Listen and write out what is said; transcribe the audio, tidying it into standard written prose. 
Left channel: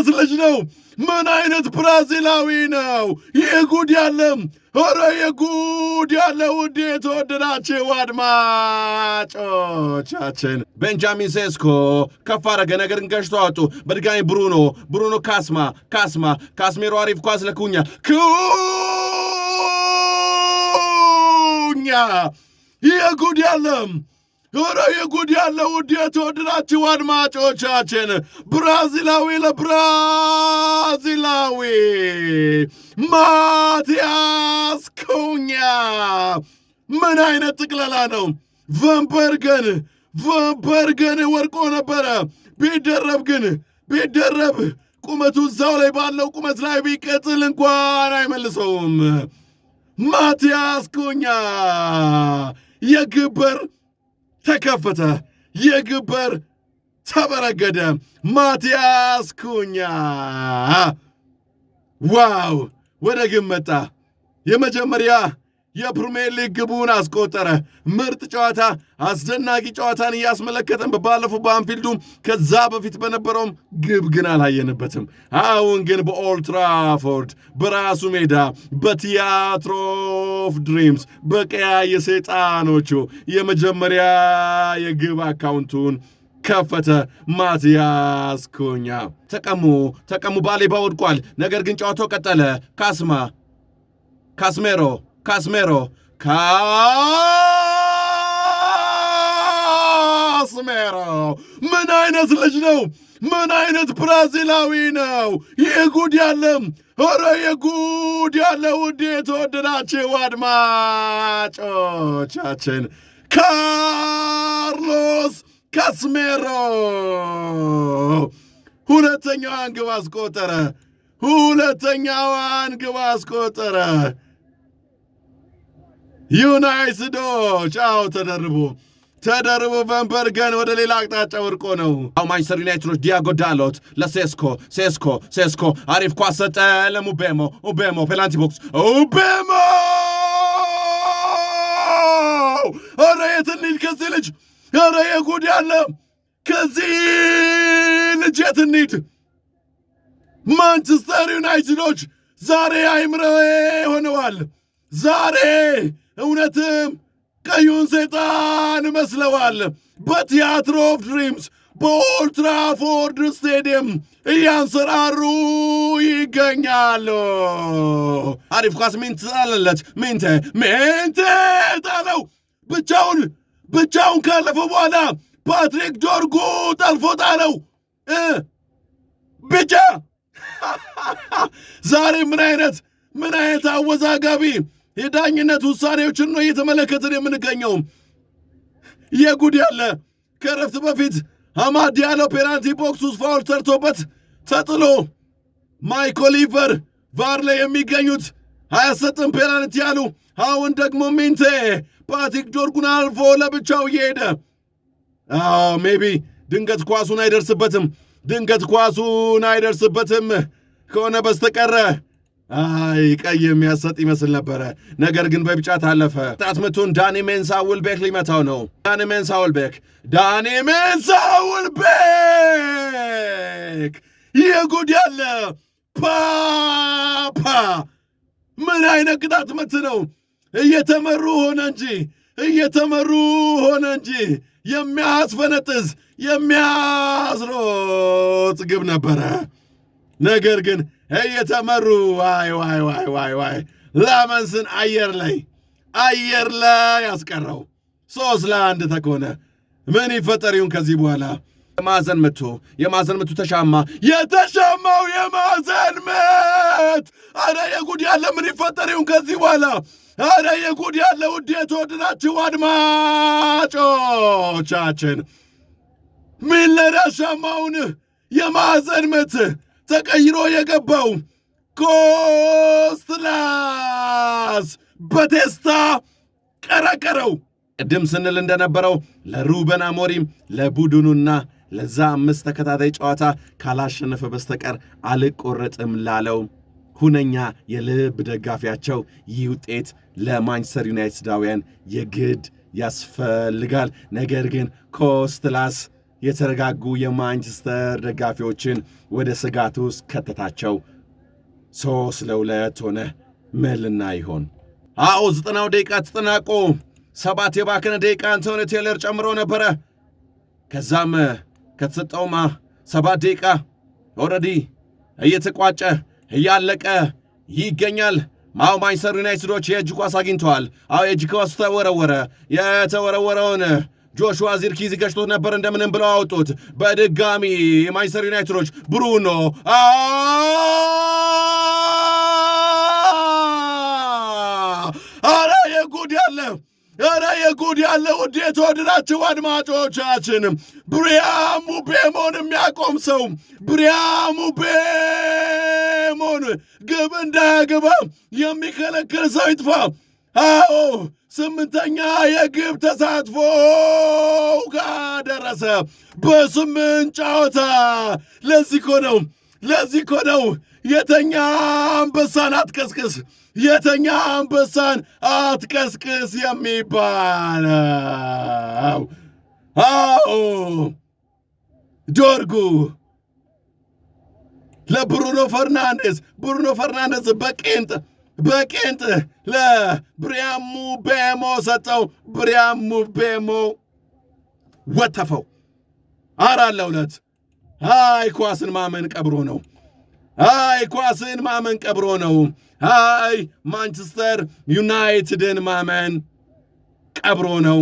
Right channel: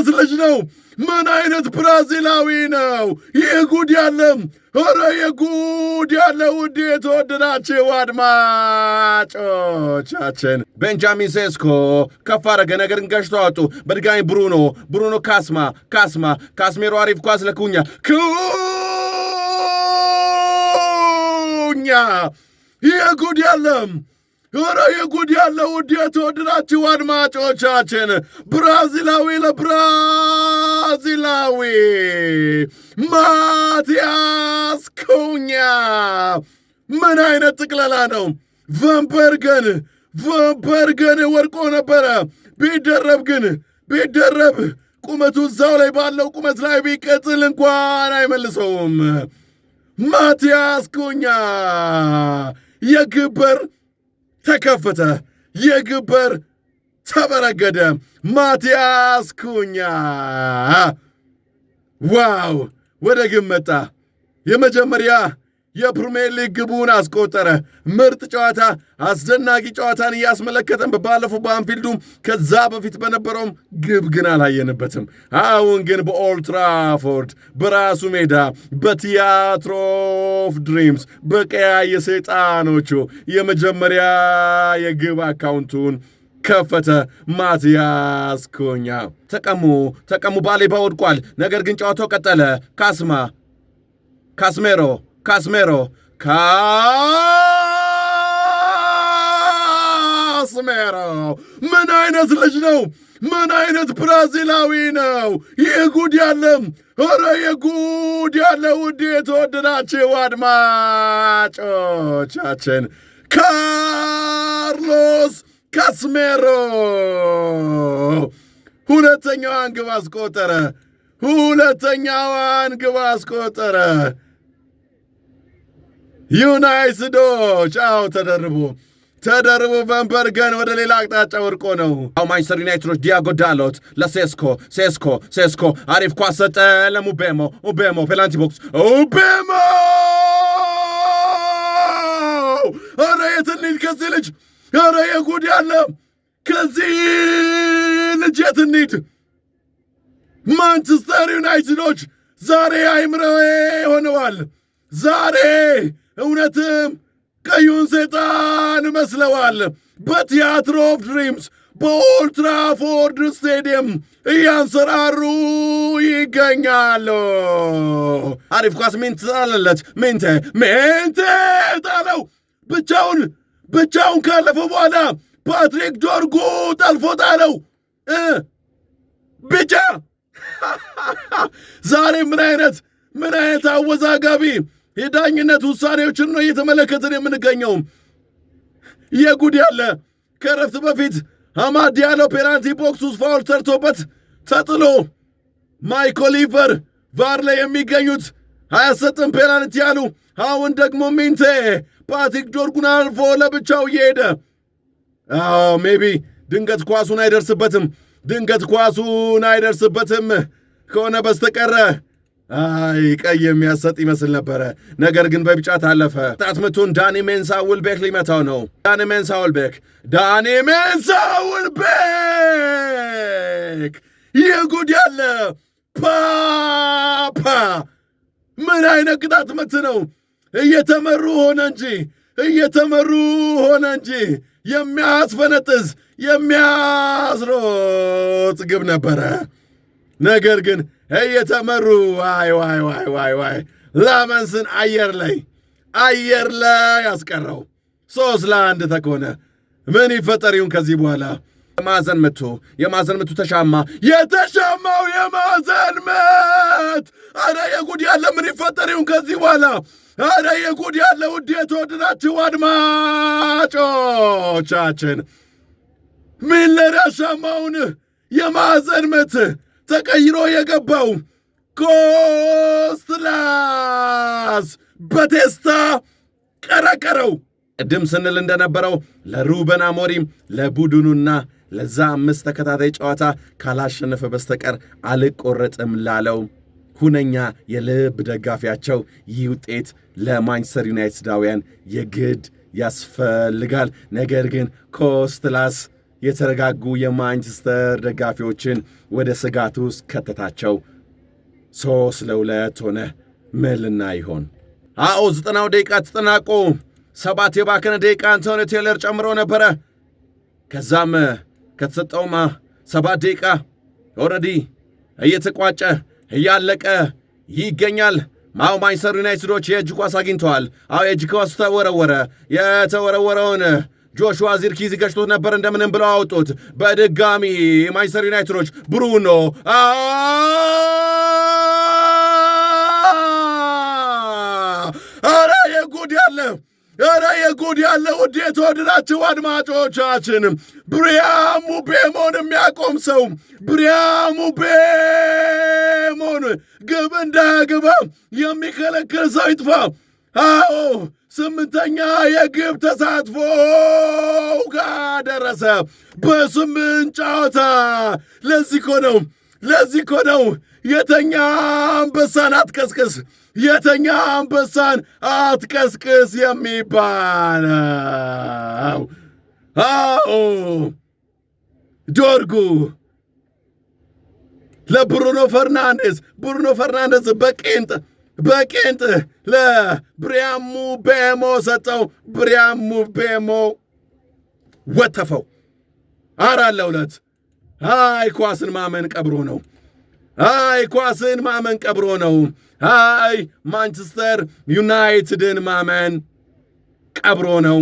አይነት ልጅ ነው? ምን አይነት ብራዚላዊ ነው? ይህ ጉድ ያለም! ኧረ የጉድ ያለ! ውድ የተወደዳችሁ አድማጮቻችን ቤንጃሚን ሴስኮ ከፍ አረገ፣ ነገር ግን ገጭቶ አወጡ። በድጋሚ ብሩኖ ካስሜሮ አሪፍ ኳስ ለኩኛ የጉድ ያለም! ኧረ የጉድ ያለ! ውድ የተወደዳችሁ አድማጮቻችን ብራዚላዊ ለብራዚላዊ ማቲያስ ኩኛ ምን አይነት ጥቅለላ ነው! ቫንበርገን ወድቆ ነበረ። ቢደረብ ቁመቱ እዛው ላይ ባለው ቁመት ላይ ቢቀጥል እንኳን አይመልሰውም። ማቲያስ ኩኛ የግብ በር ተከፈተ፣ የግብ በር ተበረገደ። ማቲያስ ኩኛ ዋው! ወደ ግብ መጣ። የመጀመሪያ የፕሪሚየር ሊግ ግቡን አስቆጠረ። ምርጥ ጨዋታ፣ አስደናቂ ጨዋታን እያስመለከተን ባለፈው በአንፊልዱ ከዛ በፊት በነበረውም ግብ ግን አላየንበትም። አሁን ግን በኦልድ ትራፎርድ በራሱ ሜዳ በቲያትር ኦፍ ድሪምስ በቀያይ ሰይጣኖቹ የመጀመሪያ የግብ አካውንቱን ከፈተ። ማቲያስ ኩኛ ተቀሙ ባሌባ ወድቋል። ነገር ግን ጨዋታው ቀጠለ። ካስሜሮ ምን አይነት ልጅ ነው? ምን አይነት ብራዚላዊ ነው? ይህ ጉድ ያለም! ኧረ የጉድ ያለ! ውድ የተወደዳችሁ አድማጮቻችን ካርሎስ ካስሜሮ ሁለተኛዋን ግብ አስቆጠረ። ዩናይትዶች ተደርቦ ቫንበርገን ወደ ሌላ አቅጣጫ ወርቆ ነው። ማንቸስተር ዩናይትዶች ዲያጎ ዳሎት ለሴስኮ አሪፍ ኳስ ሰጠ ለሙቤሞ ፔናልቲ ቦክስ ኧረ የት እንሂድ ከዚህ ልጅ! ኧረ የጉድ ያለ! ከዚህ ልጅ የት እንሂድ? ማንቸስተር ዩናይትዶች ዛሬ አይምረው ሆነዋል። ዛሬ እውነትም ቀዩን ሰይጣን መስለዋል። በቲያትር ኦፍ ድሪምስ በኦልድ ትራፎርድ ስቴዲየም እያንሰራሩ ይገኛሉ። አሪፍ ኳስ ሜንቴ ጣለለት። ሜንቴ ጣለው። ብቻውን ካለፈው በኋላ ፓትሪክ ዶርጉ ጠልፎ ጣለው። ብቻ ዛሬ ምን አይነት አወዛጋቢ የዳኝነት ውሳኔዎችን ነው እየተመለከትን የምንገኘው። የጉድ ያለ! ከረፍት በፊት አማድ ዲያሎ ፔናልቲ ቦክስ ውስጥ ፋውል ሰርቶበት ተጥሎ ማይክ ኦሊቨር ቫር ላይ የሚገኙት አያሰጥም ፔናልቲ ያሉ። አሁን ደግሞ ሚንቴ ፓትሪክ ዶርጉን አልፎ ለብቻው እየሄደ ሜቢ ድንገት ኳሱን አይደርስበትም ከሆነ በስተቀረ ቀይ የሚያሰጥ ይመስል ነበረ። ነገር ግን በቢጫ ታለፈ። ጣት ምቱን ዳኒ ሜንሳ ውልቤክ ሊመታው ነው። ዳኒ ሜንሳ ውልቤክ የጉድ ያለ! ፓፓ ምን አይነት ቅጣት ምት ነው! እየተመሩ ሆነ እንጂ የሚያስፈነጥዝ የሚያስሮጥ ግብ ነበረ። ነገር ግን እየተመሩ ዋይ ላመንስን አየር ላይ ያስቀረው 3-1 ተኮነ። ምን ይፈጠር ይሁን ከዚህ በኋላ? የማዕዘን ምቱ ተሻማ። የተሻማው የማዕዘን ምት! አረ የጉድ ያለ! ምን ይፈጠር ይሁን ከዚህ በኋላ? አረ የጉድ ያለ! ውድ የተወደዳችሁ አድማጮቻችን ሚለር ያሻማውን የማዕዘን ምት ተቀይሮ የገባው ኮስትላስ በቴስታ ቀረቀረው። ቅድም ስንል እንደነበረው ለሩበን አሞሪም ለቡድኑና ለዛ 5 ተከታታይ ጨዋታ ካላሸነፈ በስተቀር አልቆረጥም ላለው ሁነኛ የልብ ደጋፊያቸው ይህ ውጤት ለማንቸስተር ዩናይትዳውያን የግድ ያስፈልጋል። ነገር ግን ኮስትላስ የተረጋጉ የማንቸስተር ደጋፊዎችን ወደ ስጋት ውስጥ ከተታቸው። 3-2 ሆነ። ምን ልናይ ይሆን? 90 ደቂቃ ተጠናቆ 7 የባከነ ደቂቃ አንቶኒ ቴይለር ጨምሮ ነበረ። ከዛም ከተሰጠውማ 7 ደቂቃ ኦልሬዲ እየተቋጨ እያለቀ ይገኛል። ማንቸስተር ዩናይትዶች የእጅ ኳስ አግኝተዋል። የእጅ ኳስ ተወረወረ። የተወረወረውን ጆሹዋ ዚርክዚ ገጭቶት ነበር። እንደምንም ብለው አወጡት። በድጋሚ የማንቸስተር ዩናይትዶች ብሩኖ የጉድ ያለ ውድ የተወደዳችሁ አድማጮቻችን፣ ብሪያን ምቤሞን የሚያቆም ሰው ብሪያን ምቤሞን ግብ እንዳያገባ የሚከለክል ሰው ይጥፋ። 8ኛ የግብ ተሳትፎ ጋር ደረሰ በ8 ጨዋታ። ለዚህ እኮ ነው የተኛ አንበሳን አትቀስቅስ፣ የተኛ አንበሳን አትቀስቅስ የሚባለው። ዶርጉ ለብሩኖ ፈርናንዴዝ በቄንጥ ለብሪያን ምቤሞ ሰጠው። ብሪያን ምቤሞ ወተፈው 4-2። ኳስን ማመን ቀብሮ ነው። ማንቸስተር ዩናይትድን ማመን ቀብሮ ነው።